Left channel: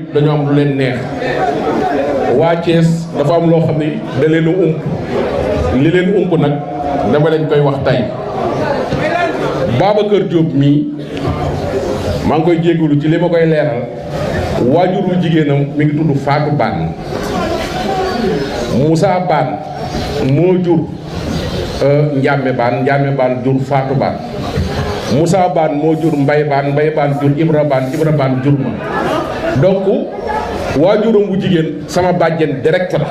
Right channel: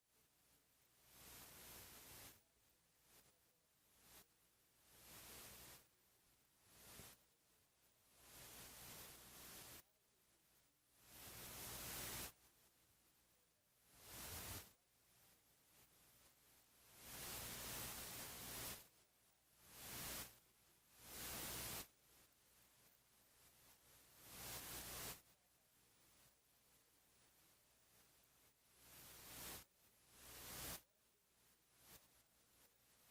yëpp dañoo am lu leen neex waa Thiès dafa am loo xam ni da leen a ump li leen ump nag dama leen koy wax tey Babacar Diop mii maa ngi koy jégalu ci li ma koy leeral waajuru jigéenam mi ngi tudd Fatou Bane Moussa Bane moo jur Ndiame Bane jur Fatou Bane Moussa Bane moo jur Mbaye Bane jur Ibra Bane jur ma donc waajuram bu jigéen sama bàjjen direct la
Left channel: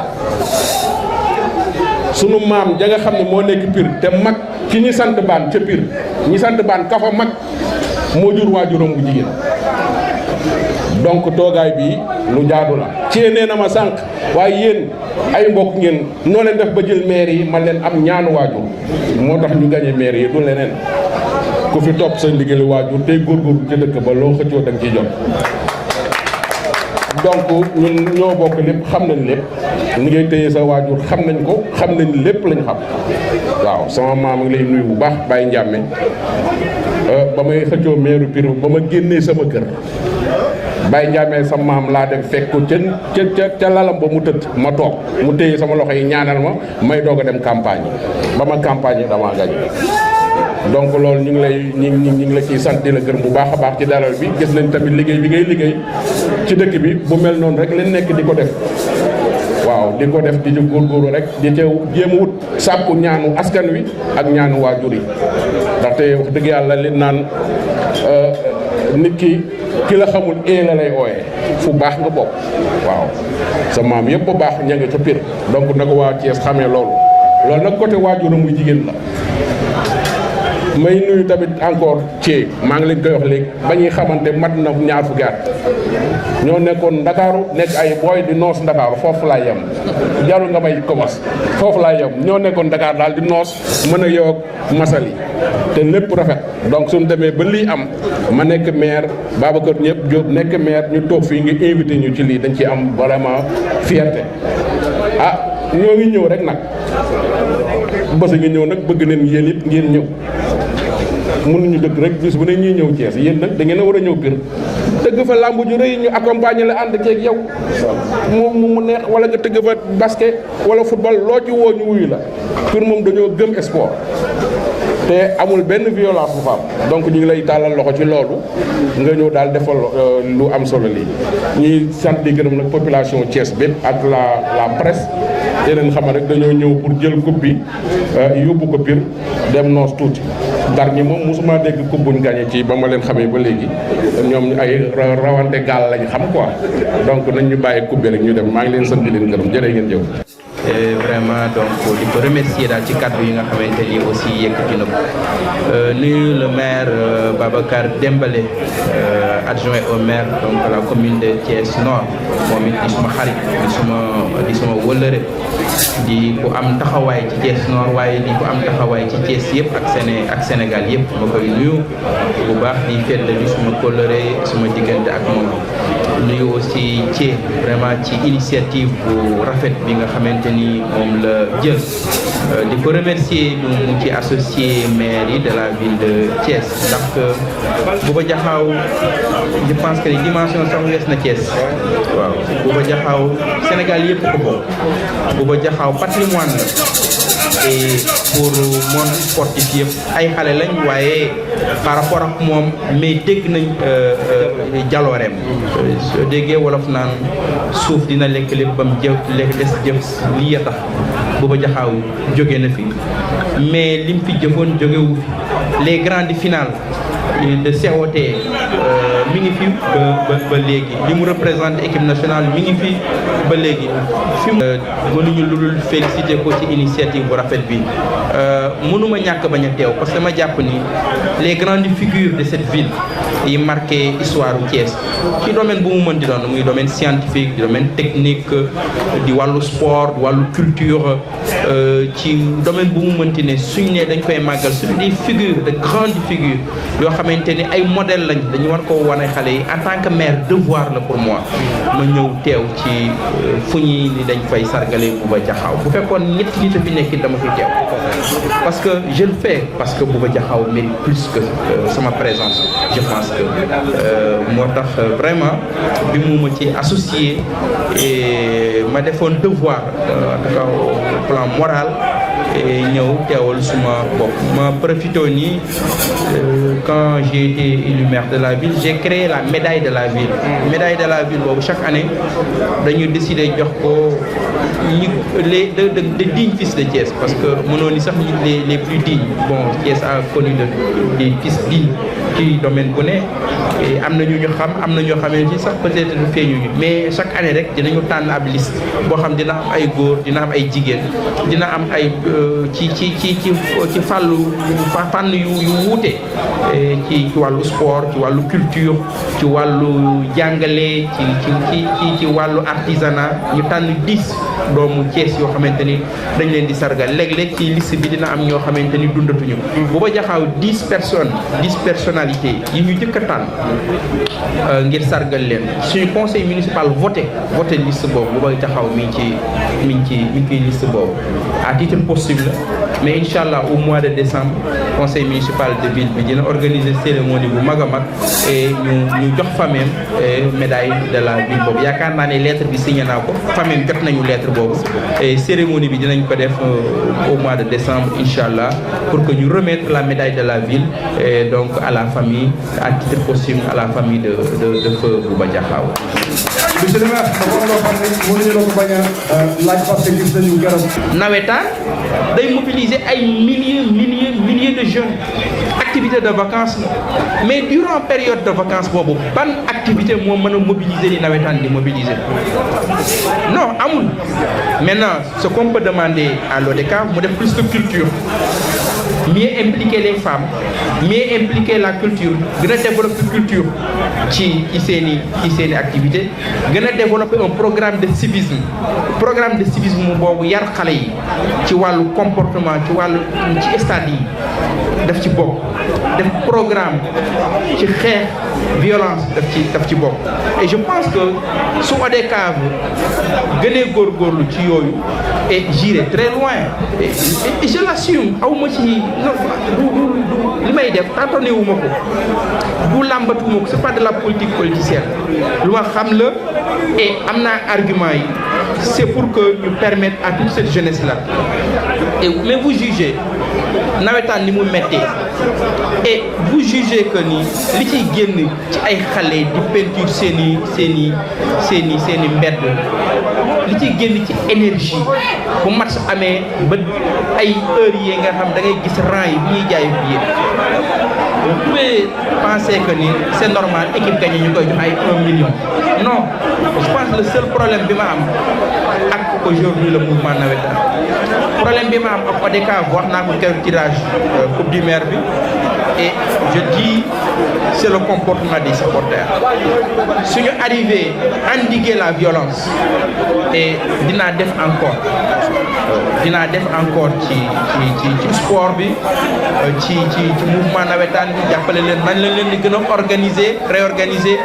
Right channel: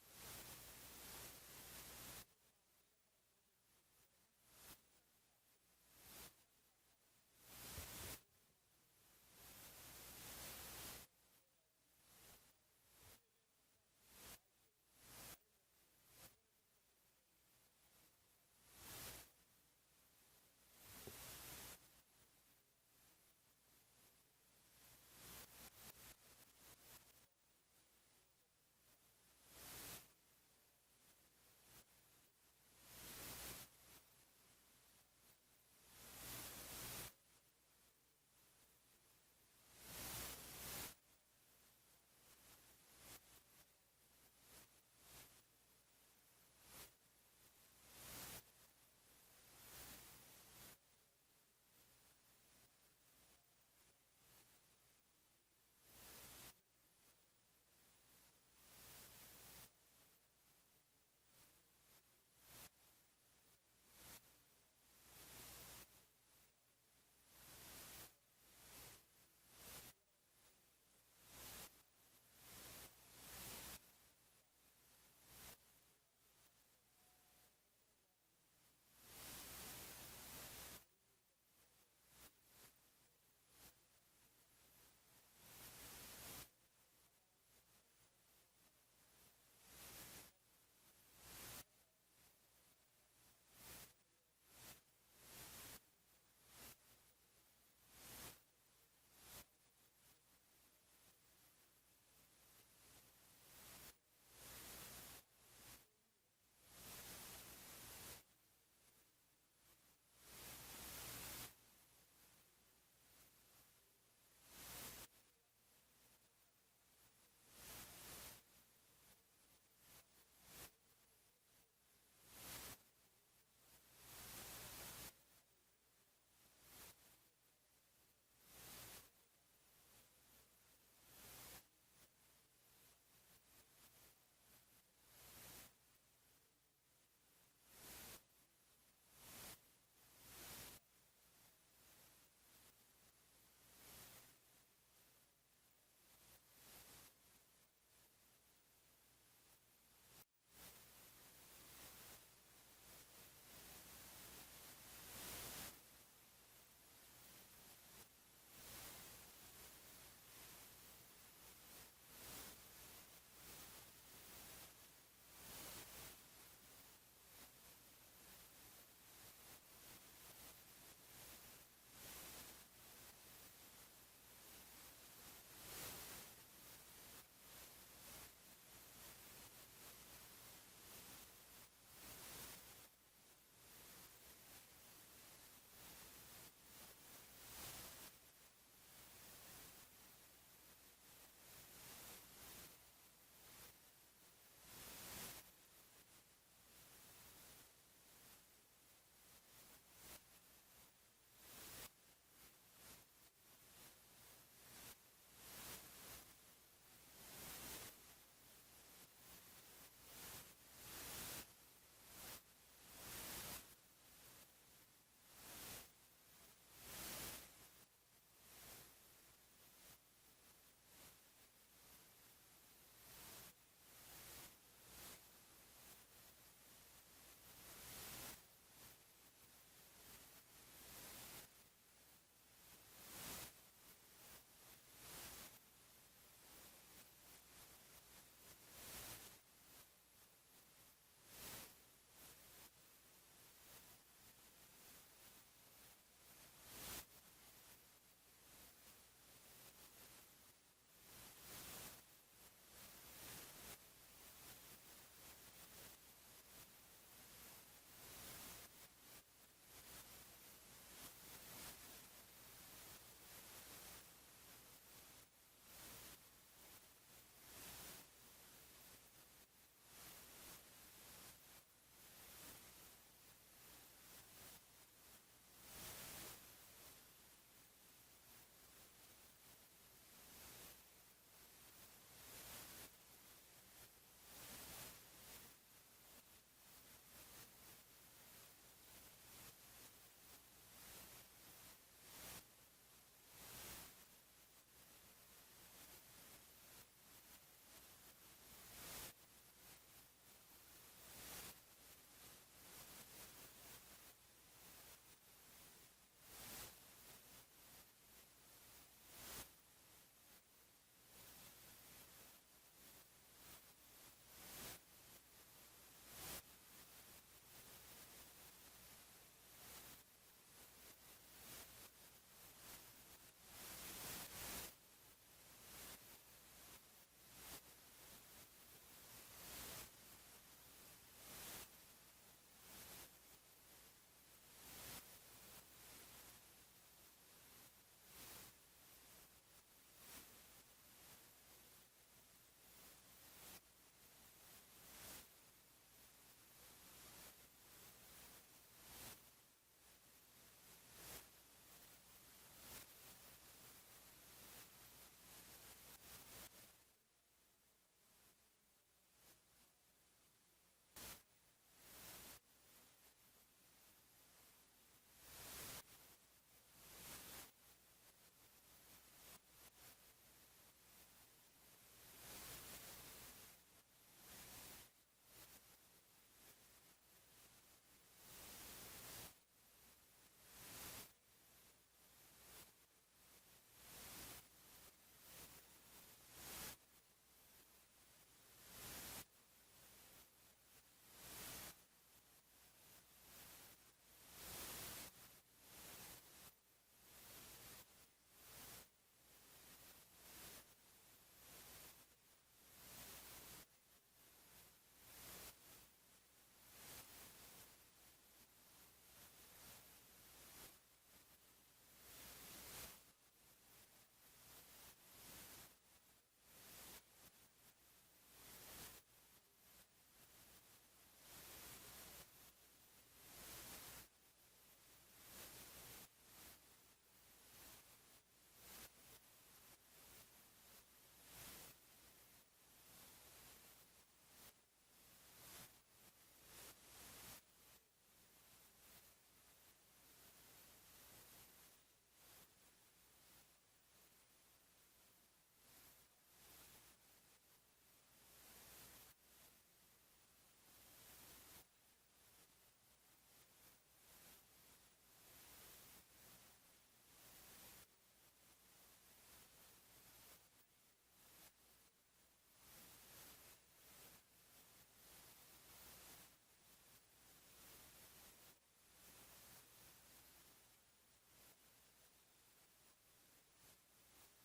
sunu maam ja nga xam ne moo nekk Pire te mag ki ñi sant Bane ca Pire ñi sant Bane ka fa mag moo jur waajuram bu jigéen donc toogaay bi lu jaadu la ci nee na ma sànq waaye yéen ay mbokk ngeen noo leen def ba jël maire yi man leen am ñaanu waajur moo tax ñu gagné maire yi du leneen ku fi topp sa ndigali waajur tey góorgóorlu ci dëkk ba loo xëccoo da nga ciy jot donc ñun ñoo bokk lépp xam nañ lépp ni ngay téye sa waajur xam nañ ko xam nañ lépp lañ xam waaw sama maam ngi lay nuyu bu baax Baye Ndiame ba may xëccoo meeru Pire ba ma génnee sama kër Baye Ndiame sa maam laa dem fekk ko ca lalam ba mu tëdd ma toog mu téye sama loxo yi ñaanal ma may doog a dem campagne ba ma campagne damaa gañ donc loolu ñu ngi la ciy sant di la gërëm bu baax a baax ci dalal bi gis nañ tamit liggéey bi ngay liggéey ci dëkk bi bu mel noonu rek leen nekk di ko def waaw di ko def di ci góorgóorlu rek di ca jéem a wut sàkku ñaanu askan wi ak ñaanu waajur yi ndaxte wax dëgg yàlla li naan nit ki la xamul la lay ooyee fu baax nga bokk waaw sa maam yëpp ba baax ña nga ca Pire donc na ko waa Thiès xamee loolu nag côté waajuram muy jigéen la may nuyu tamit encore ci maa ngi leen koy wax léegi ba ñuy xamante mat na ñaar fukki at ñoo nekkoon Ndakaaru nekk ay booy di noos Ndakaaru foofu laa yem jarul nga may commence foofu laa yem ñoo nekkoon Dakar daal di noos mën a yow ak masali te lépp rafet donc suñu demee ba lii am ma nekk maire Babacar ñëpp Diop nekk maire ñu toog fii ngi invité ñu ci lii dañ ci am vraiment fierté ñoo ngi ñëw rek nag bës ngi ñëw nag bëgg nañ yéen it ngeen ñëw mënuñu dëkk rek bis bu ne ñuy ñëw Thiès yéen nag da ngeen a war a ñëw Pire tëgg fa làmb ju rëy ñu accompagner la ànd ceeg yow mu neex wala nga tëgg fa basket wala football loo ci woo ñu wuyu la Pire moom dañoo gëm sport te amul benn violence bu fa am donc ñu ngi lay tàllal loxo ci loolu nga ñëw daal defal lu am solo lii ñuy sant di gërëm nag population Thiès bépp ak la presse te leen xam rek dañoo ñëw pour jël coupe bi yóbbu ko Pire dem noos tuuti Ndar ñi moom mosuma dégg coupe buñ gagné ci ba ma leen xamee ba léegi ñoom ay rawante gaal lañ xam quoi donc nañ ñu bàyyi coupe bi rek ñu dem maa ngi leen sant di leen gërëm jërë ngeen jëf. Et vraiment donc di ko remercier daal ci kàddu yi nga xamante ni aussi yëkkati na ko nuyu le maire Babacar Dembélé adjoint au maire donc la commune de Thiès Nord moom it di suma xarit di suma wëllëre di ku am taxawaay ci Thiès Nord waaye di ku am taxawaay ci Thiès yëpp ak Sénégal yëpp ma koy nuyu bu baax di feddali suma kóllëre suma diggante ak moom nuyu aussi ci vraiment ci initiative bu rafet bi nga xamante ni moom la jël di ko remercier mu ci associé maire yi de la ville de Thiès ndax Bouba Diakhao je pense que dimension sax wees na Thiès waaw Bouba Diakhao Sénégal yëpp ko bokk Bouba Diakhao patrimoine la et pour monde sportif yëpp ay xale lañ waaye par rapport ak moom mais dégg nañ jalooreem soo déggee wolof naan suuf dina lekk lépp bam lekk des jëf lii ya tax Bouba Diakhao jóge na fi mais lim fi jëfoon jógewu fi les grandes finales de COT mi ngi fi ba léegi li mu représente équipe nationale mi ngi fi ba léegi fi mu mënuñu lu dul félicité ko ci initiative bu rafet bi mënuma ñàkk bañ a teew parce que ma jàpp ni les grandes figures de cette ville yi marqué histoire u Thiès ci domaine bu mu mën di doon muy domaine scientifique di domaine technique di wàllu sport di wàllu culture ci domaine bu mu mënti ne suñ ne dañ koy màggal suñu des figures de grandes figures yoo xamante ni ay modèle lañ dañu war koo wane xale yi en tant que maire devoir la pour moi ma ñëw teew ci fu ñuy ni dañ fay sargale Bouba Diakhao bu fekkoon ñetti nit a fi nekk dama fi teew parce que je le fais parce que Bouba Diakhao mérite plus que sama présence je pense que moo tax vraiment bi mu ma ci associé et ma defoon devoir en tout cas au plan moral et ñëw teewal suma bopp ma profité nii quand j'ai été élu maire de la ville j'ai créé la médaille de la ville. Médaille de la ville boobu chaque année dañu décider jox ko les de dignes fils de Thiès parce que mënoon ni sax les plus dignes bon Thiès a connu des fils dignes ci domaine bu ne et am na ñu xam am na ñoo xamee ci sax peut-être feeñuñu mais chaque année rek dinañu tànn ab liste boo xam dina am ay góor dina am ay jigéen dina am ay ci fànn yu wuute ci wàllu sport ci wàllu culture ci wàllu jàngale ci wàllu artisanat ñu tànn 10 doomu Thiès yoo xamante ni dañ leen di sargal léeg-léeg ci liste bi dina am ñoo xamante ni dundatuñu bu ba jaxaaw 10 personnes 10 personnalités yi ñu jëkk a tànn ngir sargal leen suñu conseil municipal voté liste boobu bu ba jaxaw mi ngi ci liste boobu à titre possible mais incha allah au mois de décembre conseil municipal de ville bi dina organiser cérémonie bu mag a mag et ñu jox famem médaille de la ville boobu yaakaar naa ne lettre bi signé naa ko famem jot nañu lettre boobu et cérémonie bi dinañ ko def au mois de décembre incha allah pour que ñu remettre la médaille de la ville et donc à la famille à titre possible à la famille de feu Bouba Diakhao. monsieur le maire dafa am loo xam ne mënuñu la ko bañ a laaj parce que gis nañu garab. nawetaan day mobiliser ay milliers de jeunes activité de vacances mais durant période de vacances boobu ban activité moo mën a mobiliser ni nawetaan di mobiliser non amul. Maintenant ce qu'on peut demander à l'ODCAV mu def plus de culture mieux impliquer les femmes mieux impliquer la culture gën a développer culture ci seeni activité gën a développer un programme de civisme boobu yar xale yi ci wàllu comportement ci stade yi daf ci bokk def programme ci xeex violence daf ci bokk et je pense que su ODCAV gënee góorgóorlu ci yooyu et j'irai très loin et je l'assume awma ci li may def tâtonné wu ma ko bu làmbatuma ko c'est pas de la politique politicienne lu ma xam la et am naa argument yi c'est pour que ñu permettre à toute cette jeunesse là et mais vous jugez nawetaan ni mu méttee et vous jugez que ni li ciy génn ci ay xale di peinture seeni mbedd li ciy génn ci énergie bu match amee ba ay heures yi nga xam da ngay gis rang yi bi ñuy jaay billet vous pouvez penser que ni c'est normal équipe gagnée ñu koy jox ay 1 million non je pense le seul problème bi ma am ak aujourd'hui le mouvement nawetaan problème bi ma am ak ODCAV wax naa ko keroog tirage coupe du maire bi et je dis c'est le comportement des supporters suñu arrivé endiguer la violence et dinaa def encore ci sport bi ci mouvement nawetaan bi jàppale leen nan lañ leen di gën a réorganiser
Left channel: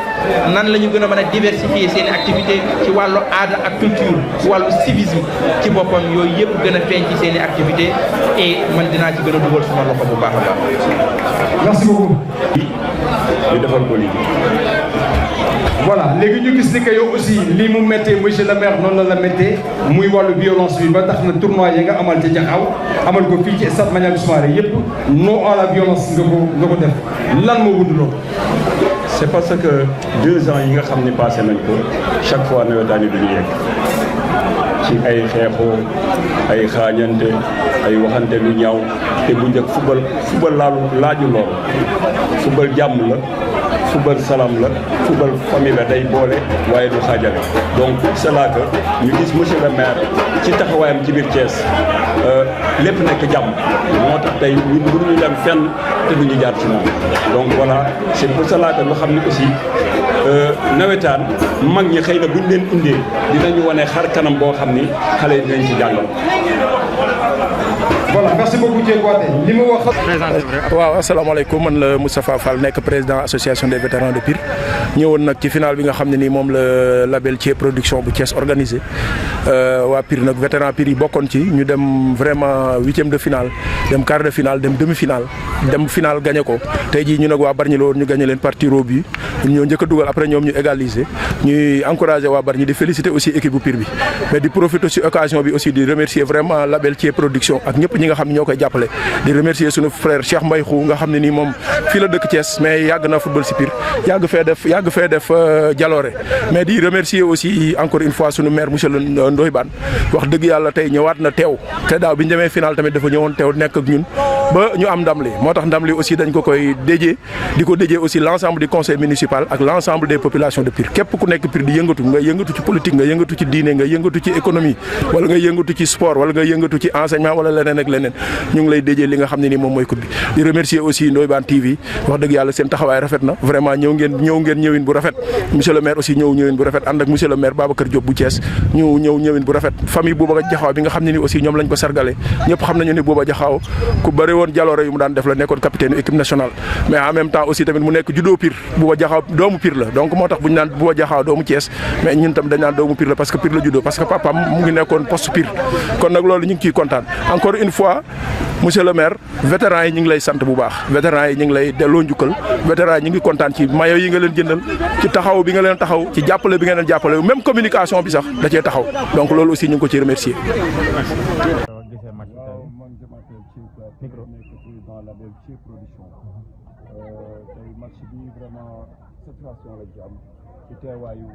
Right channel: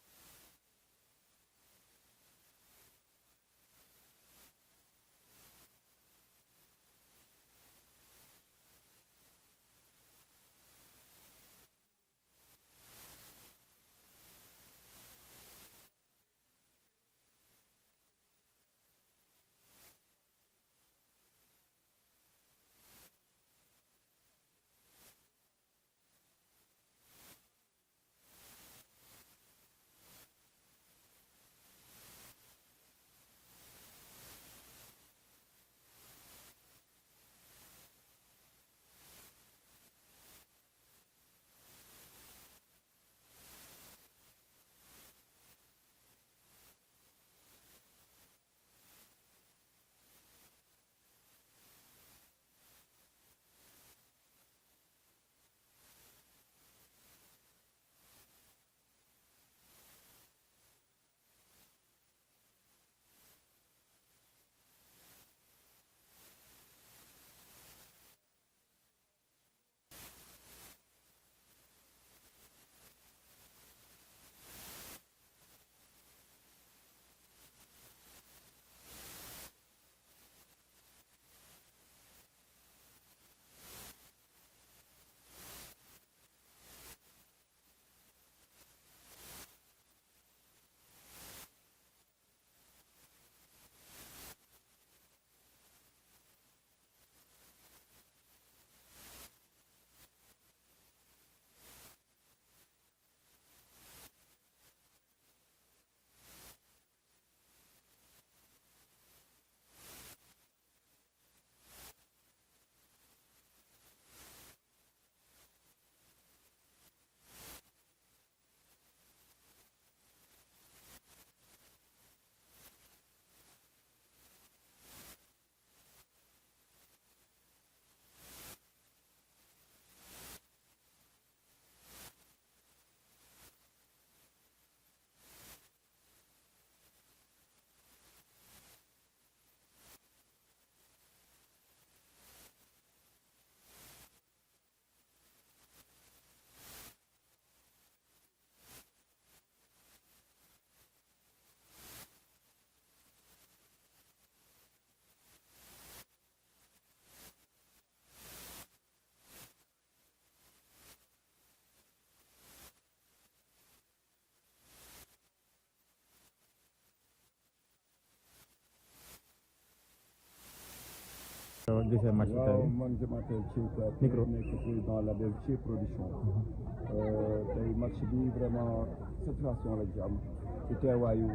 nan la ñu gën a mën a diversifier seen activité ci wàllu aada ak culture ci wàllu civisme ci boppam yooyu yëpp gën a feeñ ci seen i activité et man dinaa ci gën a dugal suma loxo bu baax a baax. merci beaucoup. ñu defal ko lii. voilà léegi ñu gis ni que yow aussi lii mu méttee monsieur le maire noonu la méttee muy wàllu violence bi ba tax na tournoi yi nga amal ca Diakhao amal ko fii ci stade Maniang Soumaré yëpp non à la violence nga ko def lan moo wund loolu. c'est parce que 2 ans yi nga xam ne passé nañ ko chaque fois nawetaan yi duñu yegg ci ay xeexoo ay xaañante ay waxante lu ñaaw te bu njëkk football laaju lool football jàmm la football salam la football famille la day boole waaye du xaajale donc c'est là que ñu gis monsieur le maire ci taxawaayam ci biir Thiès lépp nekk jàmm moo tax tey ñun mënuñu dem fenn te duñu jaar ci moom donc voilà c'est pour cela que ñu xam ne aussi nawetaan mag ñi xëy na buñ leen indee dinañu wane xar kanam boo xam ni xale yi dinañ ci jàngal. voilà merci. merci beaucoup Dieng Kouaté li mu wax. waaw asalaamaaleykum man la Moustapha Fall nekk président association des vétérans de Pire ñëwoon nag ci final bi nga xam ne nii moom la label Thié production bu Thiès organisé waa Pire nag vétéran Pire yi bokkoon ci ñu dem vraiment 8e de finale dem quart de finale dem demi finale dem finale gagné ko tey jii ñu nag waa Bargny la woon ñu gagné leen par tir au but ñoo njëkk a dugal après ñoom ñu égaliser ñuy encouragé waa Bargny di féliciter aussi équipe bu Pire bi mais di profiter ci occasion bi aussi di remercier vraiment label Thié production ak ñëpp ñi nga xam ne ñoo koy jàppale di remercier sunu frère Cheikh Mbaye Khou nga xam ne nii moom fii la dëkk Thiès mais yàgg na football ci Pire yàgg fee def jaloore mais di remercier aussi encore une fois sunu maire monsieur Ndoye Bane wax dëgg yàlla tey ñëwaat na teew te daaw bi ñu demee final tamit dafa ñëwoon teew nekk ak ñun ba ñu am ndam li moo tax ndam li aussi dañ ko koy déjee di ko déjee aussi l'ensemble du conseil municipal ak l'ensemble des populations de Pire képp ku nekk Pire di yëngatu nga yëngatu ci politique nga yëngatu ci diine nga yëngatu ci économie wala nga yëngatu ci sport wala nga yëngatu ci enseignement wala leneen ak leneen ñu ngi lay déjee li nga xam ne nii moom mooy coupe bi di remercier aussi Ndoye Bane TV wax dëgg yàlla seen taxawaay rafet na vraiment ñëw ngeen ñëwin bu rafet monsieur le maire aussi ñëwin bu rafet ànd ak monsieur le maire Babacar Diop bu Thiès ñu ñëwin bu rafet famille Bouba Diakhao bi nga xam ne ni aussi ñoom lañ ko sargale ñëpp xam nañu ni Bouba Diakhao ku bëri woon jaloore yu mu daan def la nekkoon capitaine équipe nationale mais en même temps aussi tamit mu nekk juddoo Pire Bouba Diakhao doomu Pire la donc moo tax bu ñu naan Bouba Diakhao doomu Thiès mais ñun tam dañ naan doomu Pire la parce que Pire la juddoo parce que papam mu ngi nekkoon poste Pire kon nag loolu ñu ngi ciy kontaan encore une fois monsieur le maire vétérans yi ñu ngi lay sant bu baax vétérans yi ñu ngi lay delloo njukkal vétérans yi ñu ngi kontaan ci maillot yi nga leen jëndal ci taxaw bi nga leen taxaw ci jàppale bi nga leen jàppale même communication bi sax da cee taxaw donc loolu aussi ñu ngi ko ci remercier. man je m'appelle Thié Kouaté nekk président label Thié production tey match bi vraiment satisfaction lañ ci am ci teewaayu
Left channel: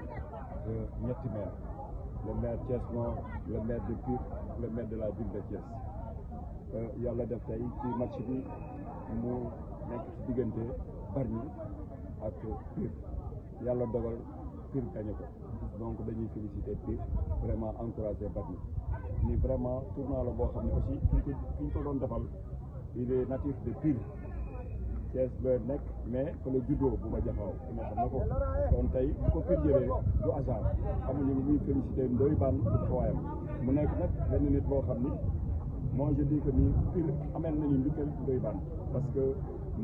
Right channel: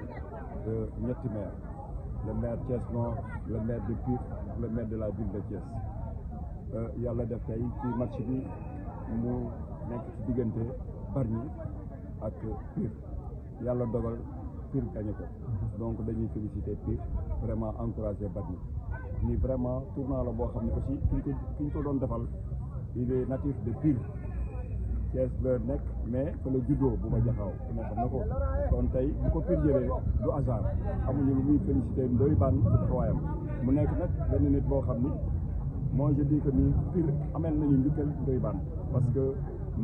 ñetti maire le maire Thiès Nord le maire de Pire le maire de la ville de Thiès yàlla def tey ci match bi mu nekk ci diggante Bargny ak Pire yàlla dogal Pire gagné ko donc dañuy féliciter Pire vraiment encourager Bargny lii vraiment tournoi la boo xam ne aussi ki ñu ko doon defal il est natif de Pire Thiès la nekk mais fa la juddoo Bouba Diakhao nga xam na ko kon tey bu ko Pire jëlee du hasard xamuñu lu muy féliciter Ndoye Bane ci taxawaayam mu nekk nag benn nit boo xam ni moi je dis que ni Pire amel nañu njukkal Ndoye Bane parce que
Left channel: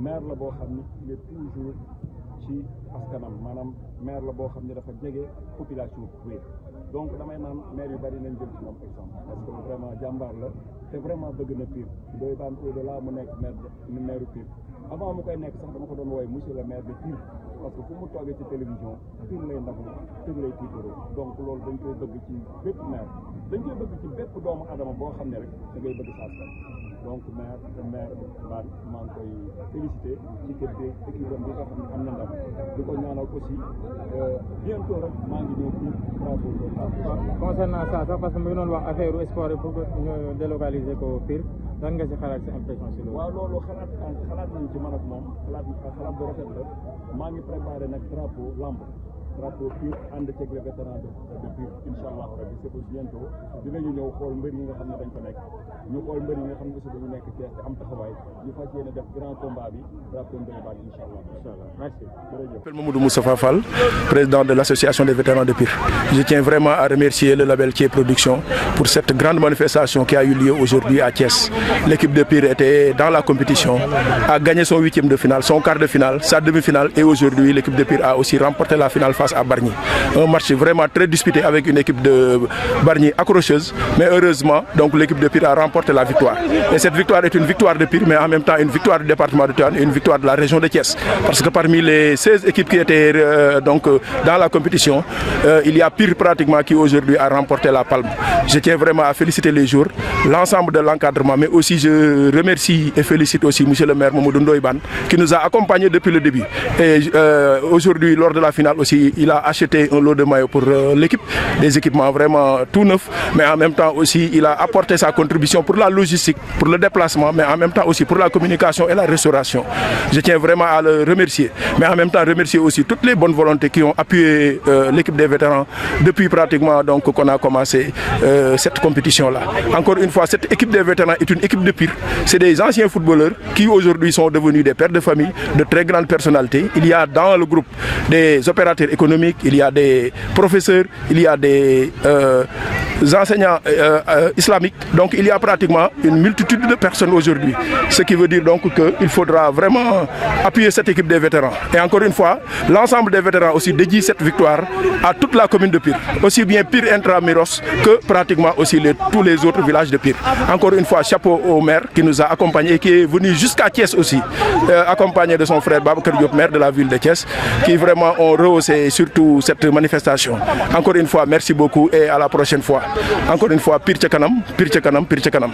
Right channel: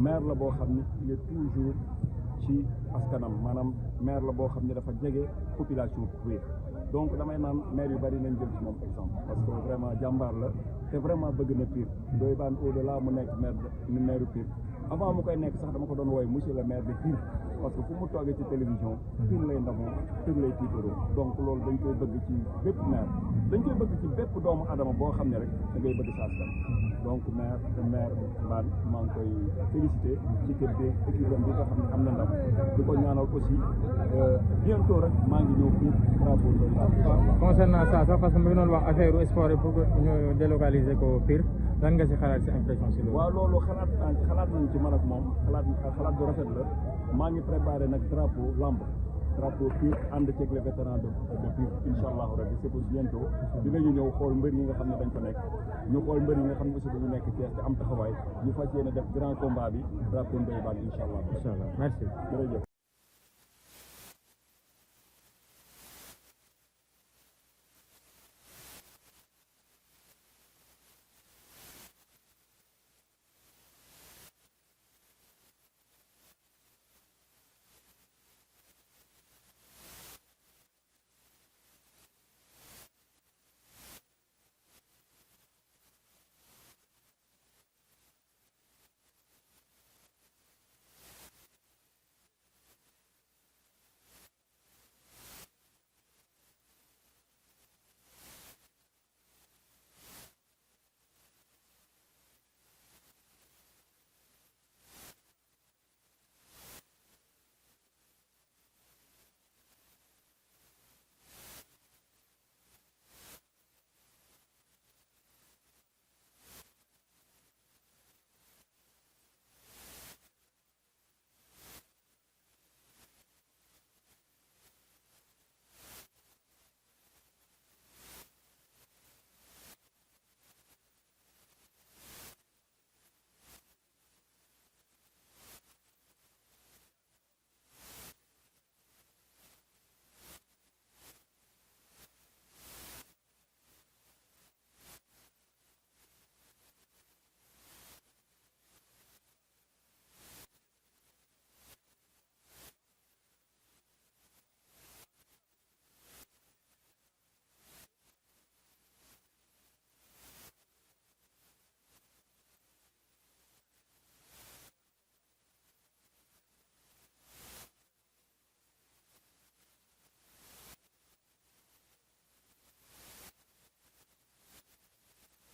maire la boo xam ni il est toujours ci askanam maanaam maire la boo xam ne dafa jege population Pire donc damay naan maire yu bari nañ jël ci moom exemple parce que vraiment jàmbaar la te vraiment bëgg na Pire Ndoye Bane au delà mu nekk maire Pire avant mu koy nekk sax dama ko doon wooye monsieur le maire de Pire parce que fu mu toogee ci télévision Pire lay ndamoo Pire lay tiitaroo donc loolu dañ koy bëgg ci bépp maire dañ koy bëgg ci bépp doomu adama boo xam ne rek da ngay bëgg sa askan donc maire Bane maa ngi koy félicité ci équipe bi nga xam ne am na ndam di ko ñaanal aussi bientôt rek maa ngi ñëw Pire concernant ça sax parce que mu ngi doon wax affaire sport yi pour ñu délocaliser ko Pire lan nga si xalaat si impression si loolu. waaw loolu xalaat nañu ci man ak moom xalaat bu rafet la maa ngi préparé nag drapeau lamb drapeau Pire ànd ceeg les vétérans de Pire incha allah rabi c'est pour bientôt dinañu ñëw xool mbër yi nga xam ne dañ fa nekk ñu xool mbër yi nga xam ne aussi dañu nekk Thiès te am taxawaay ñu fas yéene def grand combat bi drapeau Ndoye Bane incha allah. Merci. Je m'appelle Mamadou Moustapha Fall, président de l'association des vétérans de Pire. Je tiens vraiment à remercier le label Thié Production pour cette grande manifestation qui a eu lieu aujourd'hui à Thiès. L'équipe de Pire était dans la compétition, a gagné son 8e de finale, son quart de finale, sa demi-finale et aujourd'hui l'équipe de Pire a aussi remporté la finale face à Bargny. Un match vraiment très disputé avec une équipe de Bargny accrocheuse, mais heureusement donc l'équipe de Pire a remporté la victoire. Et cette victoire est une victoire de Pire, mais en même temps une victoire du département de Tivaouane et une victoire de la région de Thiès. Parce que parmi les 16 équipes qui étaient dans la compétition, il y a Pire pratiquement qui aujourd'hui a remporté la palme. Je tiens vraiment à féliciter les joueurs, l'ensemble de l'encadrement, mais aussi je remercie et félicite aussi monsieur le maire Mamadou Ndoye Bane qui nous a accompagnés depuis le début. Et aujourd'hui, lors de la finale aussi, il a acheté un lot de maillots pour l'équipe, des équipements vraiment tout neufs, mais en même temps aussi, il a apporté sa contribution pour la logistique, pour le déplacement, mais en même temps aussi pour la communication et la restauration. Je tiens vraiment à le remercier, mais en même temps remercier aussi toutes les bonnes volontés qui ont appuyé l'équipe des vétérans depuis pratiquement donc qu'on a commencé cette compétition-là. Encore une fois, cette équipe des vétérans est une équipe de Pire. C'est des anciens footballeurs qui aujourd'hui sont devenus des pères de famille, de très grandes personnalités. Il y a dans le groupe des opérateurs économiques économiques, il y a des professeurs, il y a des enseignants islamiques. Donc il y a pratiquement une multitude de personnes aujourd'hui. Ce qui veut dire donc qu'il faudra vraiment appuyer cette équipe des vétérans. Et encore une fois, l'ensemble des vétérans aussi dédie cette victoire à toute la commune de Pire. Aussi bien Pire Intramuros que pratiquement aussi tous les autres villages de Pire. Encore une fois, chapeau au maire qui nous a accompagnés et qui est venu jusqu'à Thiès aussi, accompagné de son frère Babacar Diop, maire de la ville de Thiès, qui vraiment ont rehaussé surtout cette manifestation. Encore une fois, merci beaucoup et à la prochaine fois. Encore une fois, Pire ca kanam, Pire ca kanam, Pire ca kanam.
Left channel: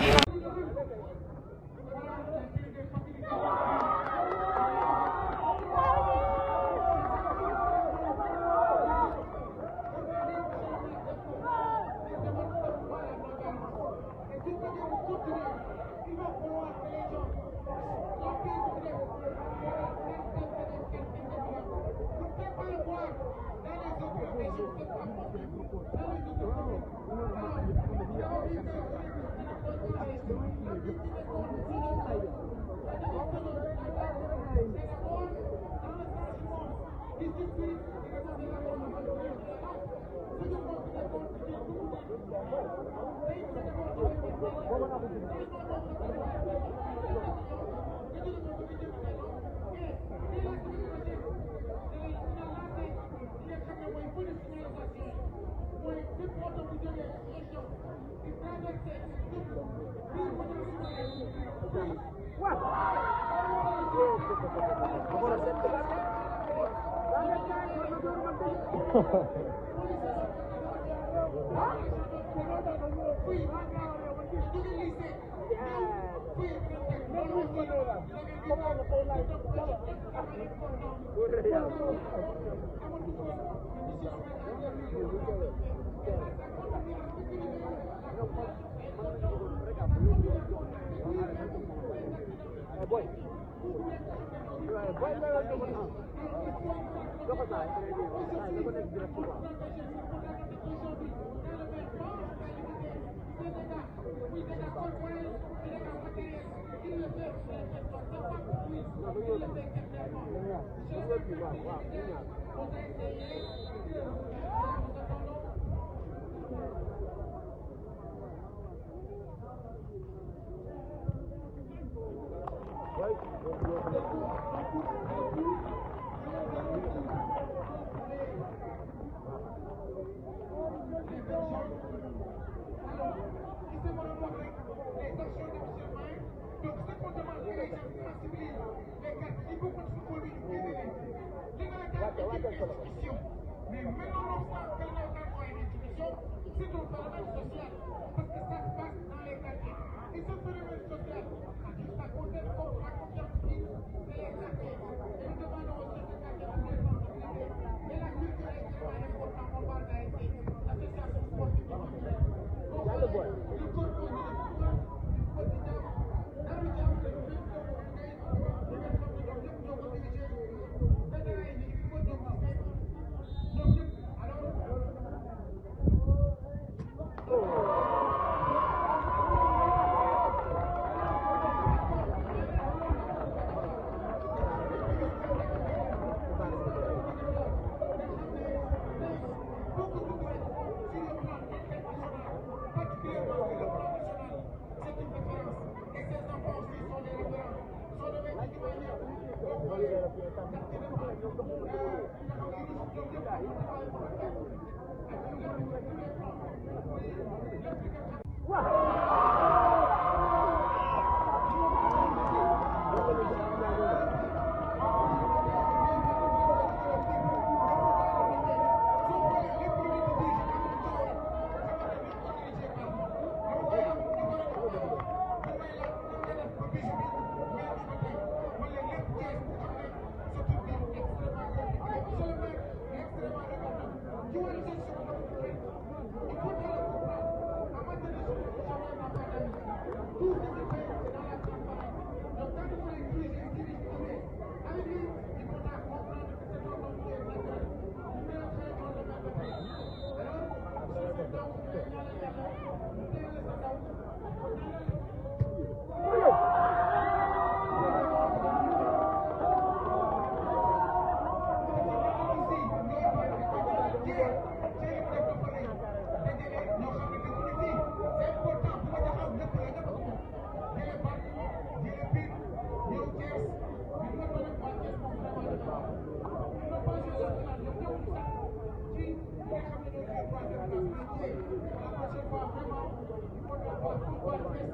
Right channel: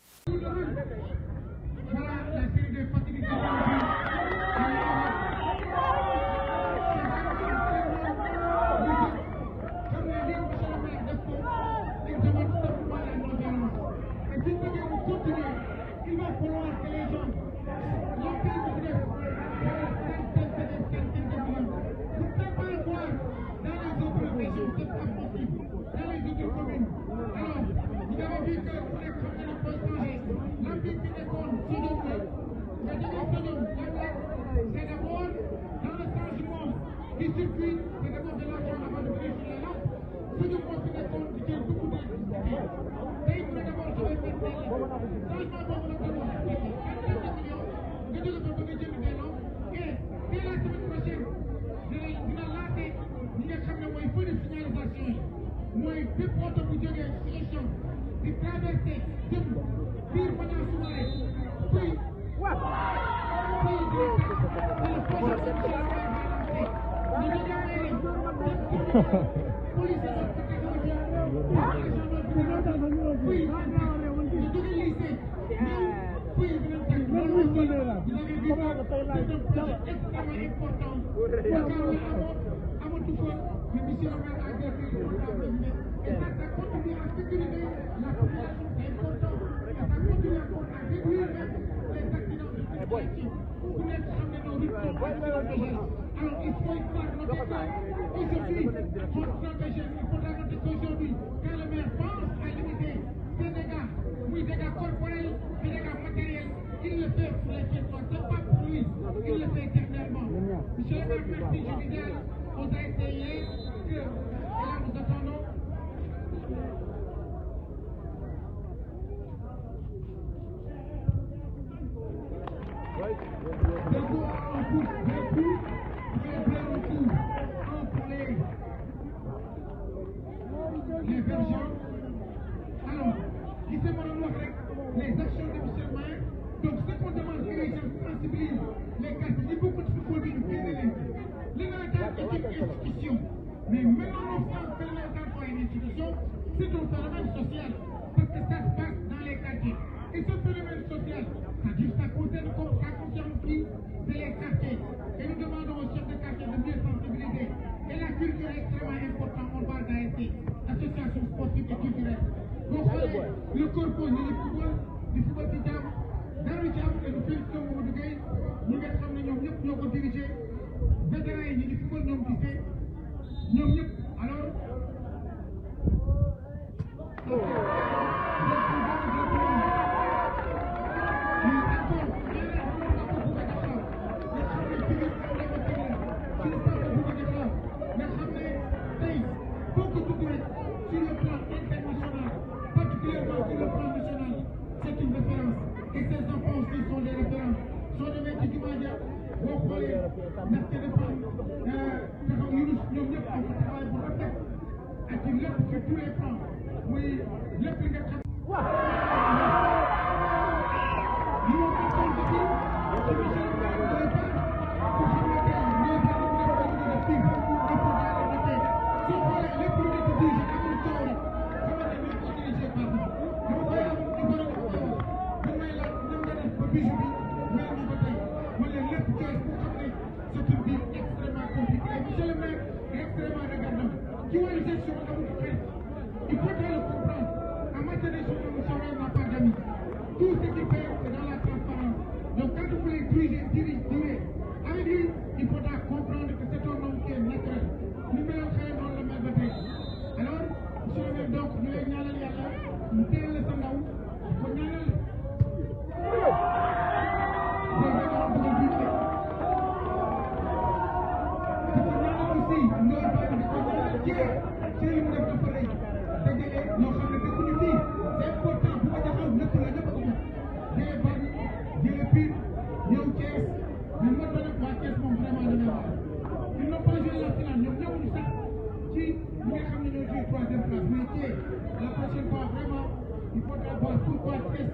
troisième place. Mais Thiès, la prochaine fois, vraiment, il faudra voir pourquoi Thiès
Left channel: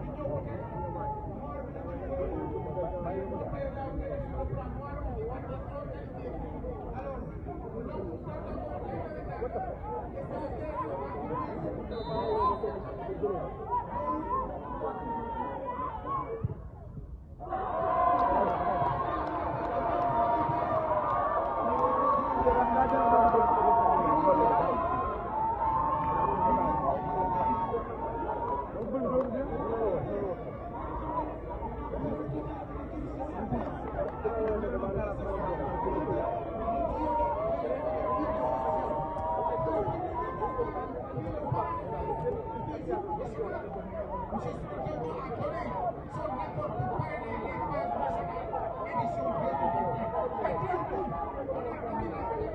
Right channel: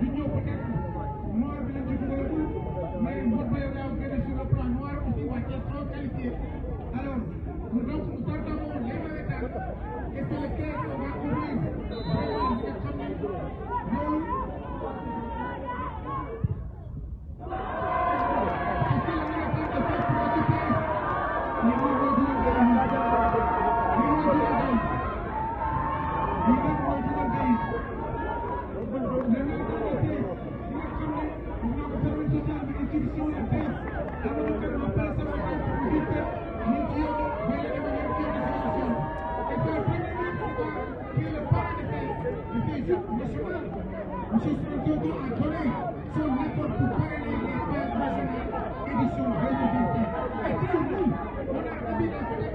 du ñëw peut-être noir bi lañ ci dugal mais mbokk yi laa gën a sur le plan noir aussi waa Thiès trop qualifié. Alors, nous entendons les navétanes et c'est lequel on va ouvrir vraiment nga xam ne loolu Monsieur Spencer a donné son effort pour parrainer les fêtes nationales édition 2025. Et nous, on a envie de